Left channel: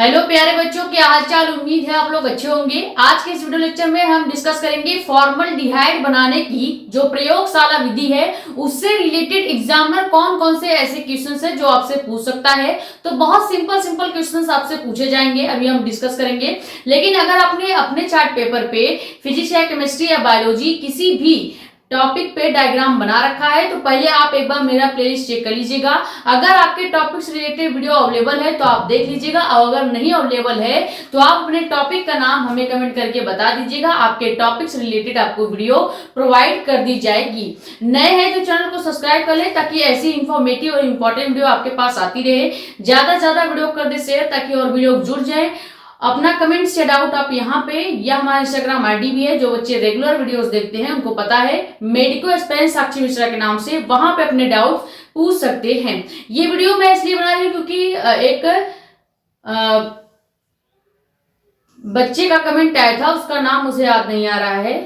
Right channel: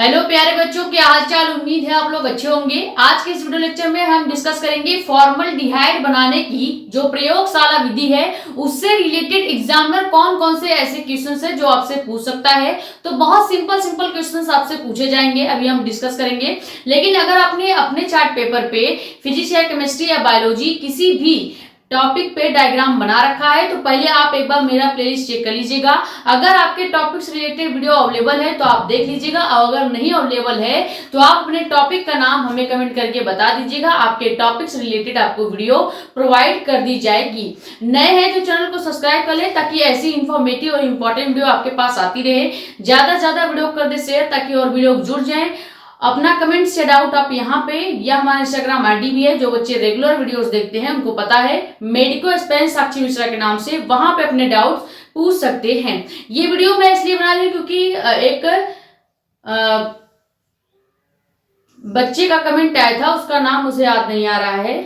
Hello प्यारे बच्चों, क्या हाल चाल। उम्मीद है आप लोग अच्छे होंगे। आज के इस वीडियो लेक्चर में हम डिस्कस करेंगे फॉर्मल्डिहाइड बनाने की जो प्रयोगशाला विधि है उससे रिलेटेड एग्जामिनर कौन कौन से ऐसे क्वेश्चंस है जो आपसे पूछ सकता है। तो बहुत सिंपल सिंपल क्वेश्चंस आपसे पूछे जाएंगे, अभी हम डिस्कस करेंगे। लेकिन अगर आपने अपने चार्ट पेपर पे फिजिक्स या केमिस्ट्री या बायोलॉजी किसी भी टॉपिक पे डायग्राम बना रखा है तो पहले आप एक बार मेरा प्लेलिस्ट चेक कर लीजिएगा। अगर आपके टॉपिक से रिलेटेड वीडियो अवेलेबल है तो आप देख लीजिएगा, और अगर नहीं अवेलेबल है तो आप अपने टॉपिक का नाम हमें कमेंट करके बता दीजिएगा। आपके टॉपिक से रिलेटेड आपको वीडियो प्रोवाइड कर दी जाएगी। नए हैं तो चैनल को सब्सक्राइब कर ले ताकि ऐसी इंफॉर्मेटिव और इंपॉर्टेंट वीडियो आपके पास आती रहे। ज्यादा से ज्यादा वीडियो कर दे शेयर ताकि और वीडियो जुड़ जाए। अपना कमेंट से डाउट आप यहाँ पे, या हमारा इंस्टाग्राम आईडी भी है, जो बच्चे रेगुलर वीडियोस देखते हैं उनको पता है, मेडिको स्पेंस साक्षी मिश्रा के नाम से, वहां पे अपने डाउट पूछ सकते हैं। ये वीडियो मैं इसलिए बना रही हूँ क्योंकि एक बच्चे का कमेंट आया था, उसका नाम मुझे याद नहीं आ रहा है,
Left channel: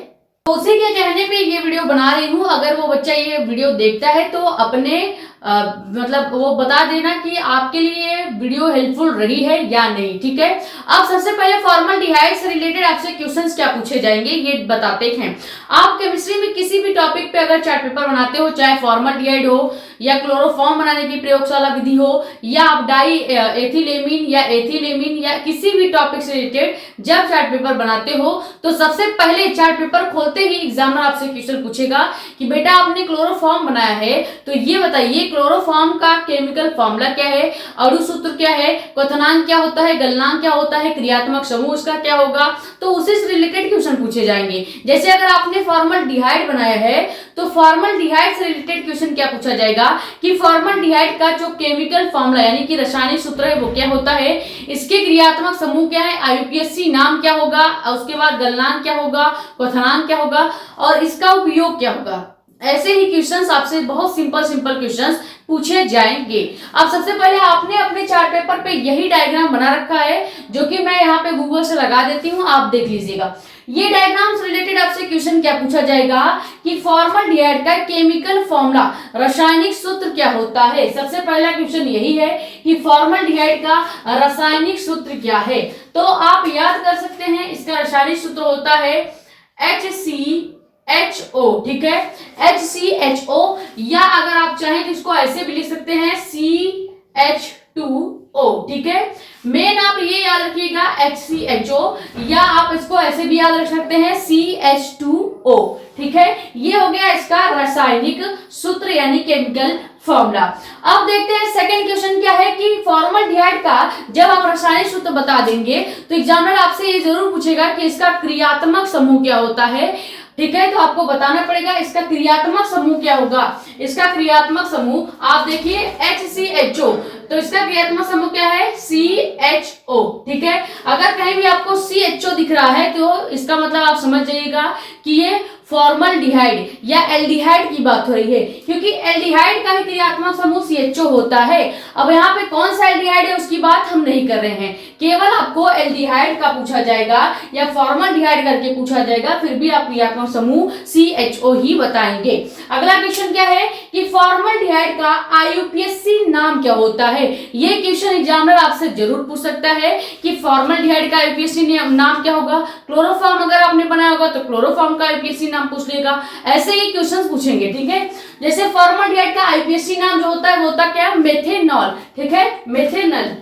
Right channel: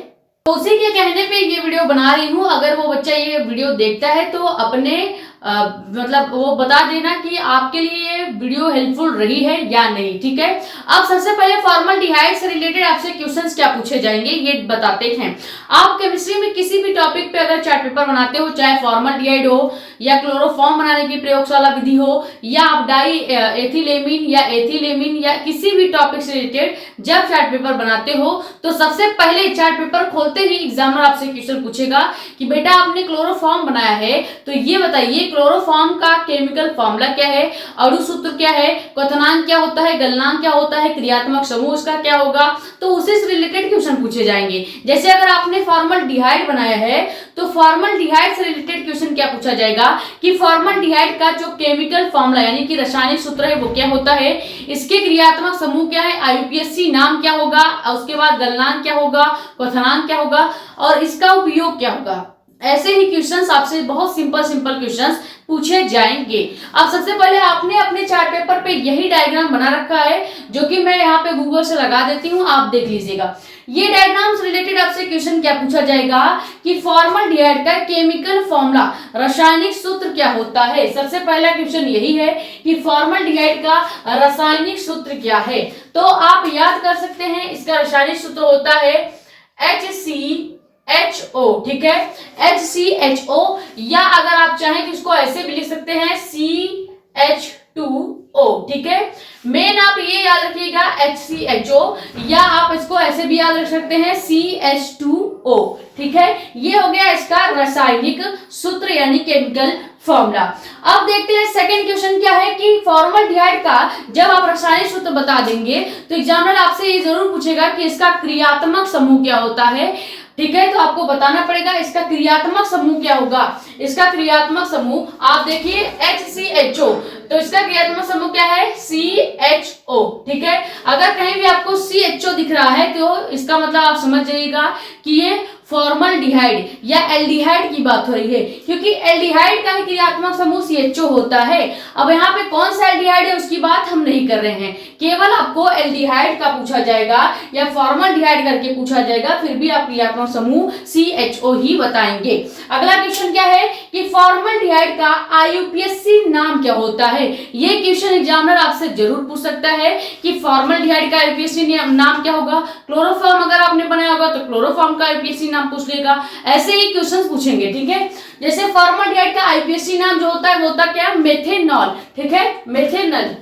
तो उसी के कहने पे ये वीडियो बना रही हूँ। अगर वो बच्चा ये वीडियो देखता है तो अपने मतलब वो बता देना कि आपके लिए वीडियो हेल्पफुल रही है या नहीं, ठीक है। अब सबसे पहले फॉर्मल्डिहाइड से रिलेटेड आपसे क्वेश्चंस क्या पूछे जाएंगे ये बताते हैं। आप केमिस्ट्री में किसी भी टॉपिक पे अगर चार्ट पेपर बनाते हो, चाहे फॉर्मल्डिहाइड हो या क्लोरोफॉर्म बनाने की प्रयोगशाला विधि हो, या आप डाई एथिलेमिन या एथिलेमिन या किसी भी टॉपिक से रिलेटेड जब चार्ट पेपर बनाते हो तो सबसे पहले चार्ट पेपर खोलते ही एग्जामिनर आपसे क्वेश्चन पूछेगा कि बेटा आपने क्लोरोफॉर्म बनाया है तो ये बताइए क्लोरोफॉर्म का केमिकल फॉर्मूला क्या है, अणु सूत्र क्या है, क्वथनांक क्या होता है, गलनांक क्या होता है, क्रियात्मक समूह उसका क्या होगा। तो उसी से रिलेटेड क्वेश्चन पूछे जाएंगे। जैसे अगर आपने फॉर्मल्डिहाइड बनाया है तो फॉर्मल्डिहाइड से रिलेटेड क्वेश्चन क्या पूछा जाएगा कि फॉर्मल्डिहाइड का जो केमिकल फॉर्मूला यानी कि रासायनिक सूत्र है वो क्या होता है, इसके क्रियात्मक समूह क्या है, आईयूपीएसी नाम क्या होगा, उसके बाद गलनांक क्या होगा, क्वथनांक क्या होगा और इसका उपयोग क्या होगा। ऐसे ही क्वेश्चंस आपसे बहुत सिंपल सिंपल क्वेश्चंस पूछे जाएंगे। अब सबसे पहले आपने अपने चार्ट पेपर पे यही डायग्राम बना रखा है जो कि मैं यहाँ पे गूगल से लगा देती हूँ, आप देख लीजिएगा। ये डायग्राम से रिलेटेड आपसे क्वेश्चन क्या पूछा जाएगा कि फॉर्मल्डिहाइड का केमिकल फॉर्मूला रासायनिक सूत्र क्या होता है। सबसे पहला क्वेश्चन यही है कि फॉर्मल्डिहाइड का रासायनिक सूत्र क्या है। तो आप याद कर सकते हैं, इसका रासायनिक सूत्र होता है HCHO, ठीक है, HCHO, या अगर आप चाहें तो इसको ऐसे भी लिख सकते हैं CH2O, ठीक है। मेन आप ये याद रखिएगा HCHO, या आप इसको ऐसे भी याद रख सकते हैं CH2O, ठीक है। ये हो गया इसका रासायनिक सूत्र यानी केमिकल फॉर्मूला। अब देखते हैं सेकंड क्वेश्चन क्या है कि फॉर्मल्डिहाइड का जब आप रासायनिक सूत्र बता देंगे तो एग्जामिनर आपसे ये जरूर पूछेगा कि इसका क्रियात्मक समूह क्या होता है, ठीक है। तो आपको बताना पड़ेगा इसका क्रियात्मक समूह क्या होगा। इसका क्रियात्मक समूह आप देखिए HCHO, तो इसका क्रियात्मक समूह क्या है CHO, ठीक है। अगर कहीं भी आपको CHO दिख रहा है तो इसका मतलब आप समझ जाइएगा कि ये फॉर्मल्डिहाइड या एल्डिहाइड की बात हो रही है, क्योंकि एल्डिहाइड का ही क्रियात्मक समूह CHO होता है। अब यहाँ पे कौन सा एल्डिहाइड है उसकी बात हम नहीं कर रहे हैं, केवल आपको एल्डिहाइड का पूछा जाएगा या फॉर्मल्डिहाइड करके पूछा जाएगा, फिर भी आप क्रियात्मक समूह CHO ही बताएंगे। अगला क्वेश्चन क्या है कि फॉर्मल्डिहाइड का आईयूपीएसी नाम क्या होता है। ये क्वेश्चन एग्जामिनर आपसे जरूर पूछ सकता है कि फॉर्मल्डिहाइड का आईयूपीएसी नाम क्या होगा। क्लोरोफॉर्म अगर आपने बनाया होगा तो क्लोरोफॉर्म का आईयूपीएसी नाम पूछ लेगा। ऐसे ही क्वेश्चंस पूछेंगे, ठीक है। जैसे फॉर्मल्डिहाइड का आईयूपीएसी नाम जो होता है वो होता क्या है, मेथेनॉल, ठीक है, मेथेनल।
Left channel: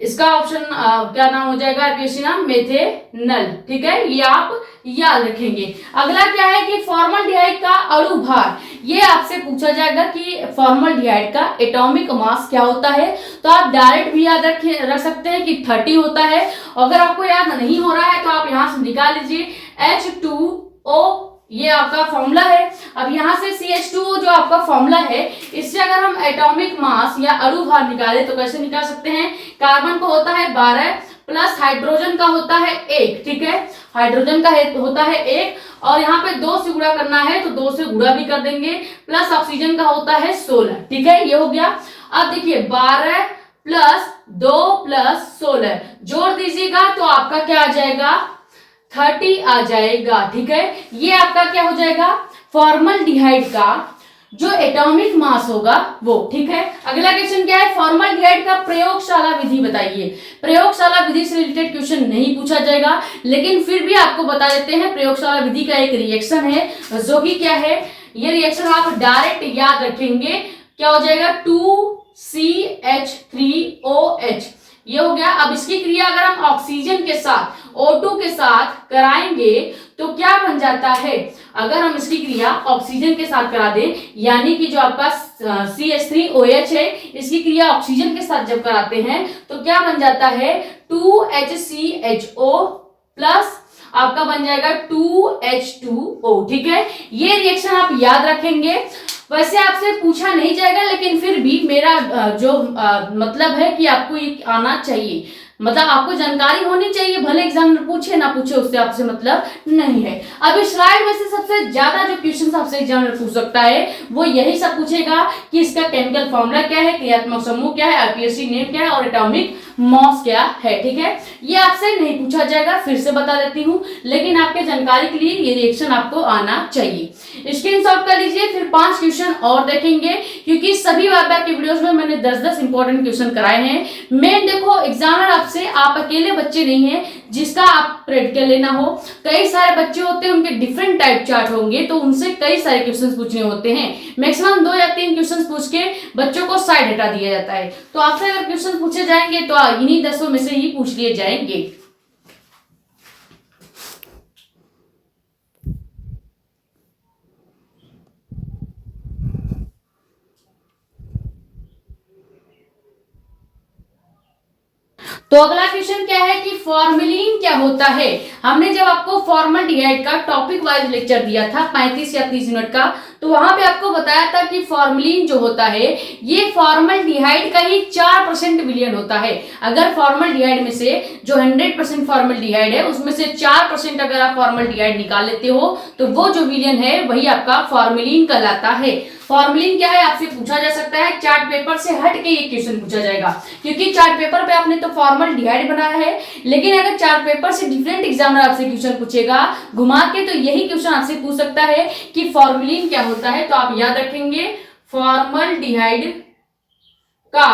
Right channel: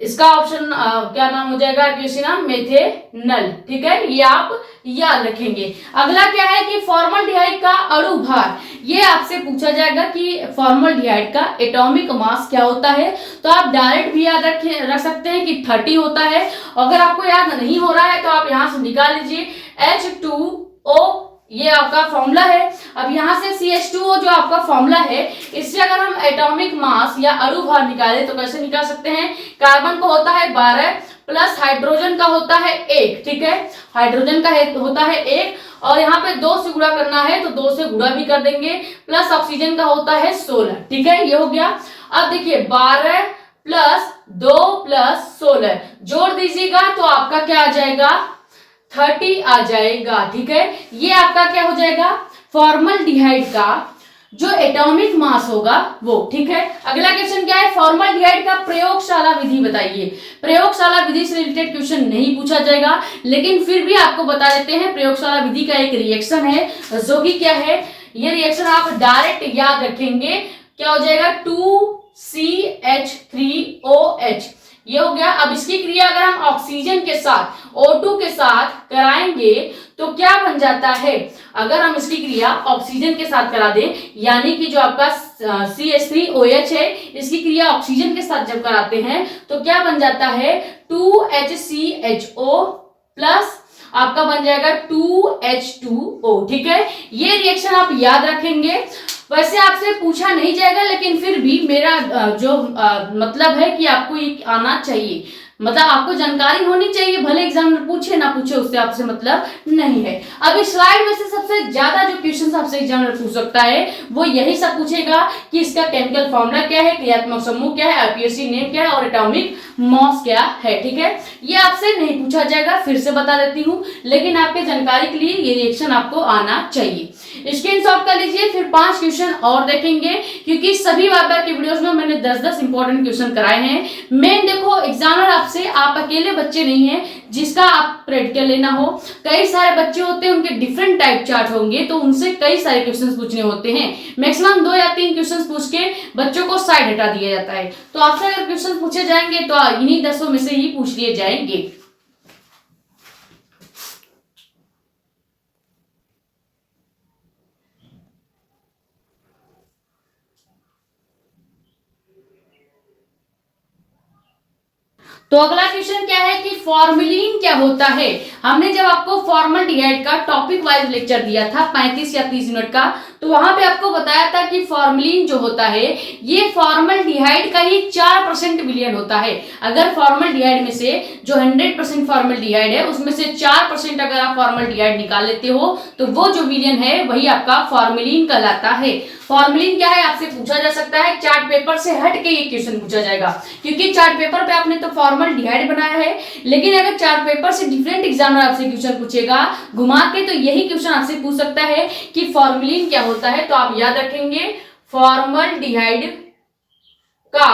इसका ऑप्शन क्या नाम हो जाएगा, आईयूपीएसी नाम मेथेनल, ठीक है, ये आप याद रखेंगे। अगला क्या है कि फॉर्मल्डिहाइड का अणु भार, ये आपसे पूछा जाएगा कि फॉर्मल्डिहाइड का एटॉमिक मास क्या होता है। तो आप डायरेक्ट भी याद रख सकते हैं कि 30 होता है। अगर आपको याद नहीं हो रहा है तो आप यहां से निकाल लीजिए H2O, ये आपका फॉर्मूला है। अब यहाँ से CH2O जो आपका फॉर्मूला है, इससे अगर हम एटॉमिक मास या अणु भार निकाले तो कैसे निकाल सकते हैं। कार्बन का होता है 12 प्लस हाइड्रोजन का होता है 1, ठीक है, हाइड्रोजन का होता है 1, और यहाँ पे 2 से गुणा करना है तो 2 से गुणा भी कर देंगे, प्लस ऑक्सीजन का होता है 16, ठीक है, ये हो गया। अब देखिए 12 प्लस 2 प्लस 16 जोड़ दीजिएगा तो आपका क्या आ जाएगा, 30 आ जाएगा, ठीक है। ये आपका क्या हो जाएगा, फॉर्मल्डिहाइड का जो एटॉमिक मास होगा वो। ठीक है, अगला क्वेश्चन क्या है, फॉर्मल्डिहाइड का प्रयोगशाला विधि बताइए। प्रयोगशाला विधि से रिलेटेड क्वेश्चन नहीं पूछा जाएगा, लेकिन फिर भी आपको बता देते हैं प्रयोगशाला विधि का एक रिएक्शन है जो कि क्या है, ये रिएक्शन आप डायरेक्ट याद रखेंगे, क्या हो जाएगा 2CH3OH, ये हो गया। अब इसकी क्रिया अगर हम ऑक्सीजन के साथ O2 के साथ कराएंगे तो क्या बन जाता है, अगर हम इसकी क्रिया ऑक्सीजन के साथ करा दें, यानी कि जो आपका CH3OH है, इसकी क्रिया ऑक्सीजन के साथ जब कराते हैं तो क्या बन जाता है 2HCHO प्लस आपका बन जाएगा 2H2O। ठीक है, ये रिएक्शन आप याद रखेंगे। वैसे आपसे पूछा नहीं जाएगा, लेकिन फिर भी मेरा जो मतलब है कि आपको ये आना चाहिए, मतलब आपको जानकारी होनी चाहिए, भले एग्जामिनर पूछे ना पूछे उससे आपसे मतलब नहीं है। अब इस स्लाइड में से सबसे ज्यादा जो क्वेश्चन आपसे एग्जामिनर पूछ सकता है वो यही सब पूछेगा कि इसका केमिकल फॉर्मूला क्या है, क्रियात्मक समूह क्या है, आईपीएससी नेम क्या है और एटॉमिक मॉस क्या है। ठीक है, ये आपसे नहीं पूछा जाएगा, फिर से बता देती हूँ, लेकिन आपके जानकारी के लिए ये रिएक्शन आपको आना चाहिए। स्क्रीनशॉट कर लीजिए, फिर 5 क्वेश्चन और देखेंगे, क्योंकि सभी बार के वीडियोस में मैंने 10-10 इंपॉर्टेंट क्वेश्चन कराए हैं। मेन देखो, एग्जामिनर आपसे, आप अकेले बच्चे नहीं हैं जिसका आप प्रैक्टिकल लेना हो, कई सारे बच्चे होते हैं, उनके डिफरेंट टाइप चार्ट होंगे, तो उनसे कई सारे क्वेश्चन पूछने होते हैं। मैक्सिमम 2 या 3 क्वेश्चन पूछ के बच्चों को साइड हटा दिया जाता है। तो आपसे अगर क्वेश्चन पूछे जाएंगे तो इन्हीं 10 में से ही पूछ लिए जाएंगे। तो अगला क्वेश्चन क्या है कि फॉर्मेलिन क्या होता है। हमने जब आपको फॉर्मल्डिहाइड का टॉपिक वाइज लेक्चर दिया था 35 या 30 मिनट का, तो वहां पे आपको बताया था कि फॉर्मेलिन जो होता है ये फॉर्मल्डिहाइड का ही 4% विलयन होता है। अगर फॉर्मल्डिहाइड में से जो 100% फॉर्मल्डिहाइड है उसमें से 4% अगर आप फॉर्मल्डिहाइड निकाल लेते हो तो वो जो विलयन है वही आपका फॉर्मेलिन कहलाता है। फॉर्मेलिन क्या है आपसे पूछा जा सकता है, चार्ट पेपर से हट के ये क्वेश्चन पूछा जाएगा, क्योंकि चार्ट पेपर पे आपने तो फॉर्मल्डिहाइड बनाया है, लेकिन अगर चार्ट पेपर से डिफरेंट एग्जामिनर आपसे क्वेश्चन पूछेगा घुमा के, तो यही क्वेश्चन आपसे पूछ सकता है कि फॉर्मेलिन क्या होता है। तो आप याद रखेंगे फॉर्मल्डिहाइड का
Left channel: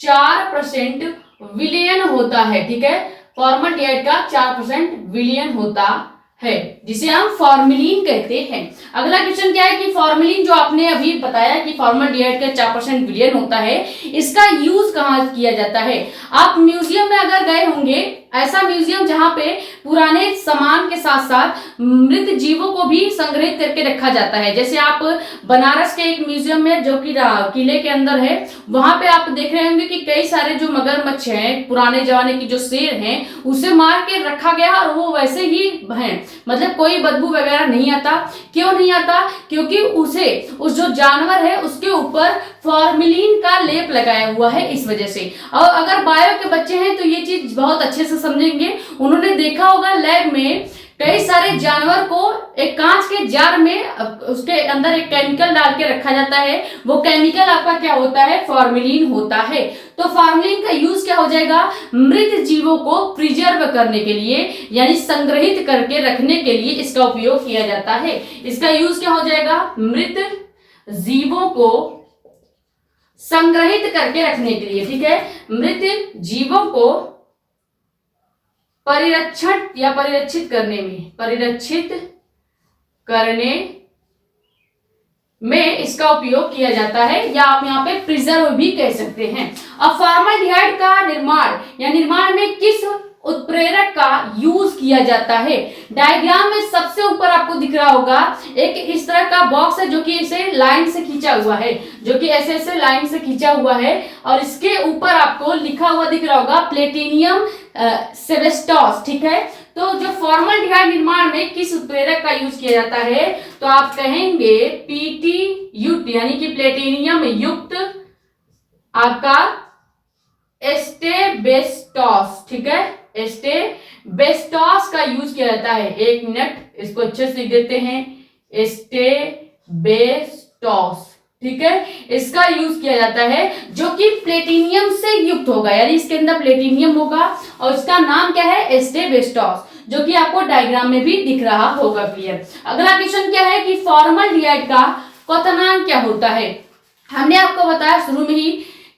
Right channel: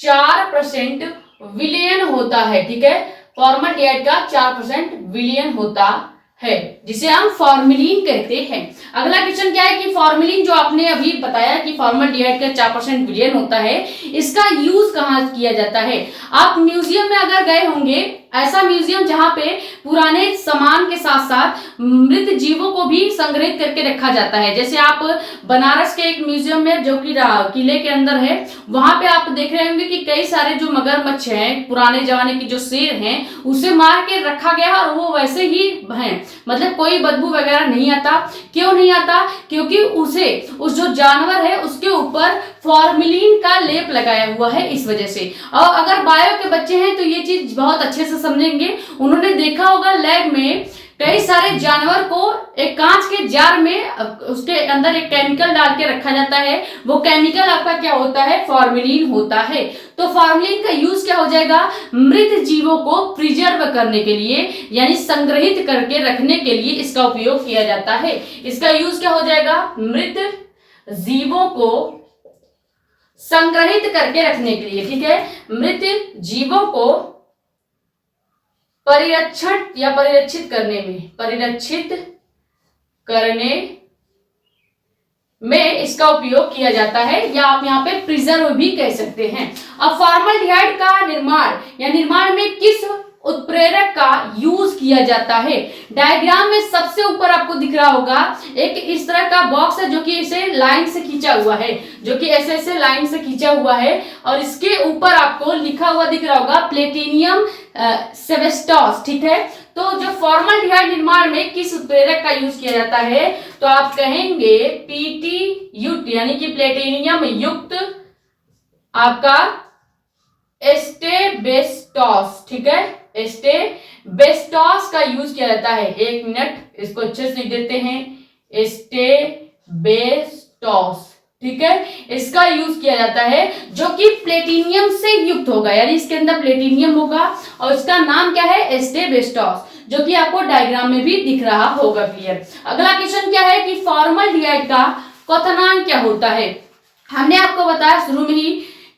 4% विलयन होता है। ठीक है, फॉर्मल्डिहाइड का 4% विलयन होता है, जिसे हम फॉर्मेलिन कहते हैं। अगला क्वेश्चन क्या है कि फॉर्मेलिन जो आपने अभी बताया कि फॉर्मल्डिहाइड का 4% विलयन होता है, इसका यूज कहाँ किया जाता है। आप म्यूजियम में अगर गए होंगे, ऐसा म्यूजियम जहां पे पुराने सामान के साथ साथ मृत जीवों को भी संग्रहित करके रखा जाता है। जैसे आप बनारस के एक म्यूजियम में जो कि किले के अंदर है, वहां पे आप देख रहे होंगे कि कई सारे जो मगरमच्छ हैं, पुराने जमाने की जो शेर हैं, उसे मार के रखा गया और वो वैसे ही हैं, मतलब कोई बदबू वगैरह नहीं आता। क्यों नहीं आता, क्योंकि उस जो जानवर है उसके ऊपर फॉर्मेलिन का लेप लगाया हुआ है, इस वजह से। और अगर बायो के बच्चे हैं तो ये चीज बहुत अच्छे से समझेंगे। उन्होंने देखा होगा लैब में कई सारे जानवर को एक कांच के जार में उसके अंदर एक केमिकल डाल के रखा जाता है, वो केमिकल आपका क्या होता है, फॉर्मेलिन होता है। तो फॉर्मेलिन का यूज क्या हो जाएगा, मृत जीवों को प्रिजर्व करने के लिए, यानी संग्रहित करके रखने के लिए इसका उपयोग किया जाता है। इसका यूज क्या हो जाएगा, मृत जीवों को संग्रहित करके रखने के लिए। ठीक है, मृत जीवों को परिरक्षण या परिरक्षित करने में इसका उपयोग किया जाता है, या आप यहाँ पे प्रिजर्व भी कह सकते हैं। अब फॉर्मल्डिहाइड का निर्माण में किस उत्प्रेरक का यूज किया जाता है। डायग्राम में सबसे ऊपर आपको दिख रहा होगा एक इस तरह का बॉक्स है जो कि इसे लाइन से खींचा हुआ है, जो कि ऐसे लाइन से खींचा हुआ है, और इसके ऊपर आपको लिखा हुआ दिख रहा होगा प्लेटिनियम सेबेस्टॉस। ठीक है, तो जो फॉर्मल्डिहाइड निर्माण में किस उत्प्रेरक का यूज किया जाता है, तो आप कहेंगे PTUT, यानी कि प्लेटिनियम युक्त आपका एस्टेबेस्टॉस। ठीक है, एस्टेबेस्टॉस का यूज किया जाता है। 1 मिनट, इसको अच्छे से लिख देते हैं, एस्टेबेस्टॉस। ठीक है, इसका यूज किया जाता है जो कि प्लेटिनियम से युक्त होगा, यानी इसके अंदर प्लेटिनियम होगा और इसका नाम क्या है, एस्टेबेस्टॉस, जो कि आपको डायग्राम में भी दिख रहा होगा क्लियर। अगला क्वेश्चन क्या है कि फॉर्मल्डिहाइड का क्वथनांक क्या होता है। हमने आपको बताया शुरू में ही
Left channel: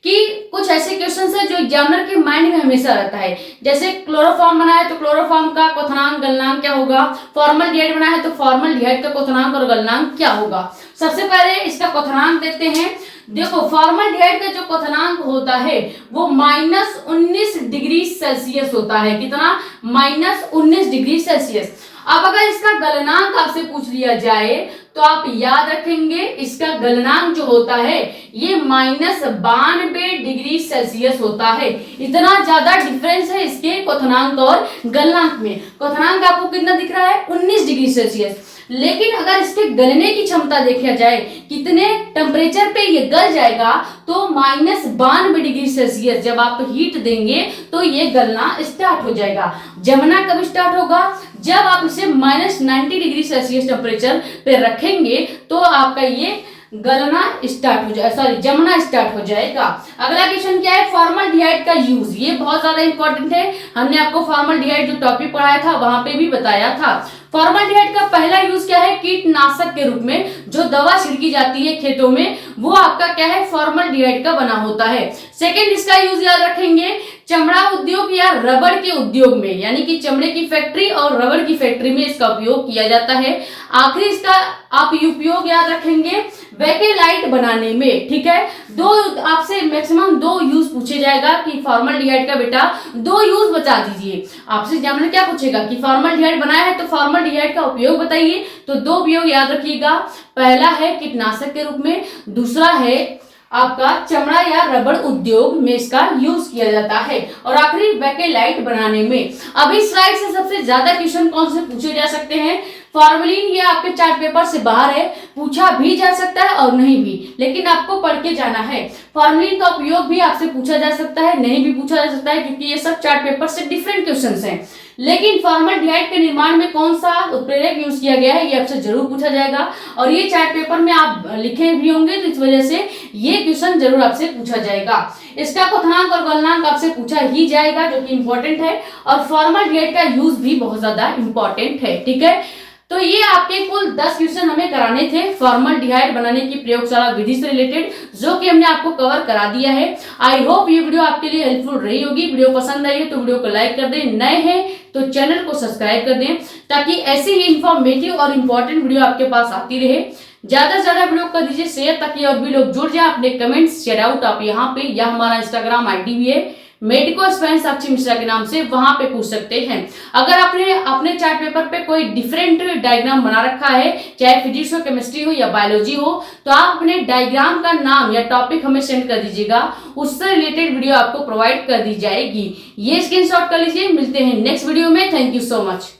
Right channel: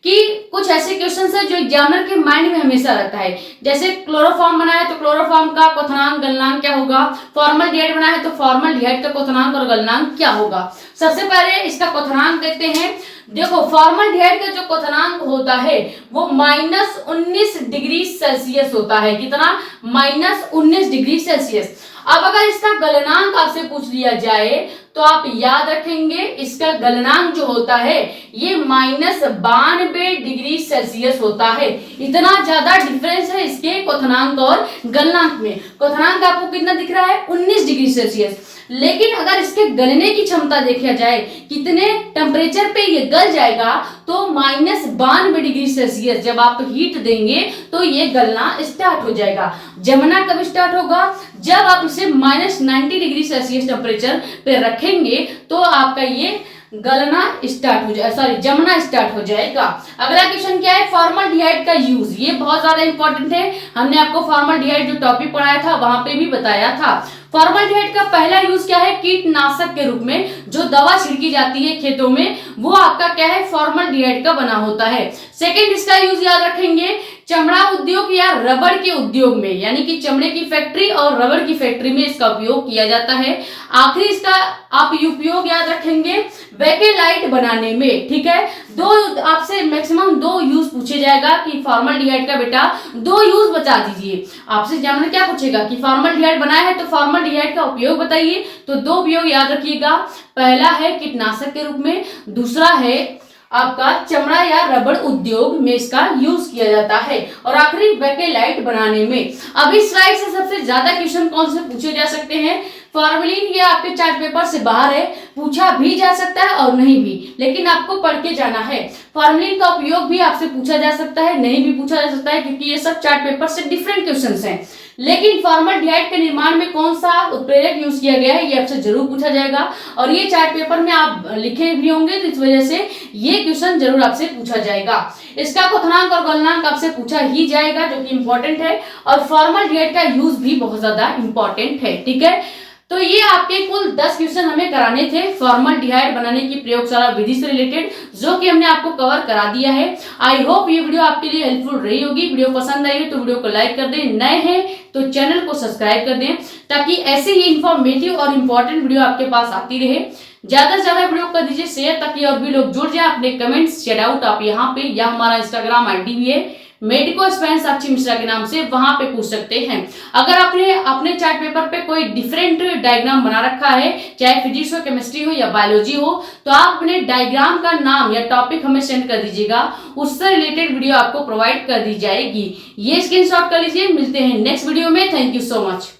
कि कुछ ऐसे क्वेश्चन है जो एग्जामिनर के माइंड में हमेशा रहता है। जैसे क्लोरोफॉर्म बना है तो क्लोरोफॉर्म का क्वथनांक गलनांक क्या होगा, फॉर्मल्डिहाइड बना है तो फॉर्मल्डिहाइड का क्वथनांक और गलनांक क्या होगा। सबसे पहले इसका क्वथनांक देखते हैं। देखो फॉर्मल्डिहाइड का जो क्वथनांक होता है वो -19 डिग्री सेल्सियस होता है। कितना? -19 डिग्री सेल्सियस। अब अगर इसका गलनांक आपसे पूछ लिया जाए तो आप याद रखेंगे इसका गलनांक जो होता है ये -92 डिग्री सेल्सियस होता है। इतना ज्यादा डिफरेंस है इसके क्वथनांक और गलनांक में। क्वथनांक आपको कितना दिख रहा है? 19 डिग्री सेल्सियस। लेकिन अगर इसके गलने की क्षमता देखा जाए कितने टेम्परेचर पे ये गल जाएगा तो -92 डिग्री सेल्सियस जब आप हीट देंगे तो ये गलना स्टार्ट हो जाएगा। जमना कब स्टार्ट होगा? जब आप इसे -90 डिग्री सेल्सियस टेम्परेचर पे रखेंगे तो आपका ये गलना स्टार्ट हो जाए, सॉरी जमना स्टार्ट हो जाएगा। अगला क्वेश्चन क्या है? फॉर्मल्डिहाइड का यूज। ये बहुत ज्यादा इंपॉर्टेंट है। हमने आपको फॉर्मल्डिहाइड जो टॉपिक पढ़ाया था वहां पे भी बताया था। फॉर्मल्डिहाइड का पहला यूज क्या है? कीटनाशक के रूप में जो दवा छिड़की जाती है खेतों में वो आपका क्या है? फॉर्मल्डिहाइड का बना होता है। सेकंड इसका यूज याद रखेंगे चमड़ा उद्योग या रबड़ के उद्योग में, यानी कि चमड़े की फैक्ट्री और रबड़ की फैक्ट्री में इसका उपयोग किया जाता है। आखिरी इसका आप उपयोग याद रखेंगे बेकेलाइट बनाने में। ठीक है, दो आपसे मैक्सिमम 2 यूज पूछे जाएगा कि फॉर्मल्डिहाइड का बेटा 2 यूज बता दीजिए। आपसे एग्जामिनर क्या पूछेगा कि फॉर्मल्डिहाइड बनाया है तो फॉर्मल्डिहाइड का उपयोग बताइए, तो 2 उपयोग याद रखिएगा। पहला है कीटनाशक के रूप में, दूसरा है आपका चमड़ा या रबड़ उद्योग में इसका यूज किया जाता है, और आखिरी बेकेलाइट बनाने में। अभी स्लाइड से सबसे ज्यादा क्वेश्चन कौन से पूछे जा सकते हैं? फॉर्मेलिन। ये आपके चार्ट पेपर से बाहर है, पूछा भी जा सकता है और नहीं भी, लेकिन आपको पढ़ के जाना है। फॉर्मेलिन का उपयोग भी आपसे पूछा जा सकता है, नहीं भी पूछा जा सकता है, क्योंकि ये सब चार्ट पेपर से डिफरेंट क्वेश्चंस हैं। लेकिन फॉर्मल्डिहाइड के निर्माण में कौन सा उत्प्रेरक यूज किया गया है ये आपसे जरूर पूछा जाएगा, और ये चार्ट पेपर में आप लिखे भी होंगे तो इस वजह से ये क्वेश्चन जरूर आपसे पूछा जाएगा। इसका क्वथनांक और गलनांक आपसे पूछा ही जाएगा जो कि इंपॉर्टेंट है, और फॉर्मल्डिहाइड का यूज भी बहुत ज्यादा इंपॉर्टेंट है। ठीक है, तो ये आपके कुल 10 क्वेश्चन हमें कराने थे फॉर्मल्डिहाइड बनाने की प्रयोगशाला विधि से रिलेटेड, जो कि हमने आपको कवर करा दिया है। आई होप ये वीडियो आपके लिए हेल्पफुल रही होगी। वीडियो पसंद आई है तो वीडियो को लाइक कर दें, नए हैं तो चैनल को सब्सक्राइब कर दें, ताकि ऐसे ही इंफॉर्मेटिव और इम्पोर्टेंट वीडियो आपके पास आती रहे। ज्यादा से ज्यादा वीडियो कर दीजिए शेयर, ताकि और भी लोग जुड़ जाए। अपने कमेंट्स शेयर आउट आप यहाँ पे, या हमारा इंस्टाग्राम आईडी भी है मेडिको एस्पिरेंट साक्षी मिश्रा के नाम से, वहां पे पूछ सकते हैं। अगर आपने अपने चार्ट पेपर पे कोई डिफरेंट डायग्राम बना रखा है, चाहे फिजिक्स हो, केमिस्ट्री हो या बायोलॉजी हो, तो आप अपने डायग्राम का नाम या टॉपिक हमें सेंड कर दीजिएगा, उससे रिलेटेड वीडियो आपको प्रोवाइड कर दी जाएगी। ये स्क्रीनशॉट कर लीजिए। मिलते हैं नेक्स्ट वीडियो में। Thank you so much.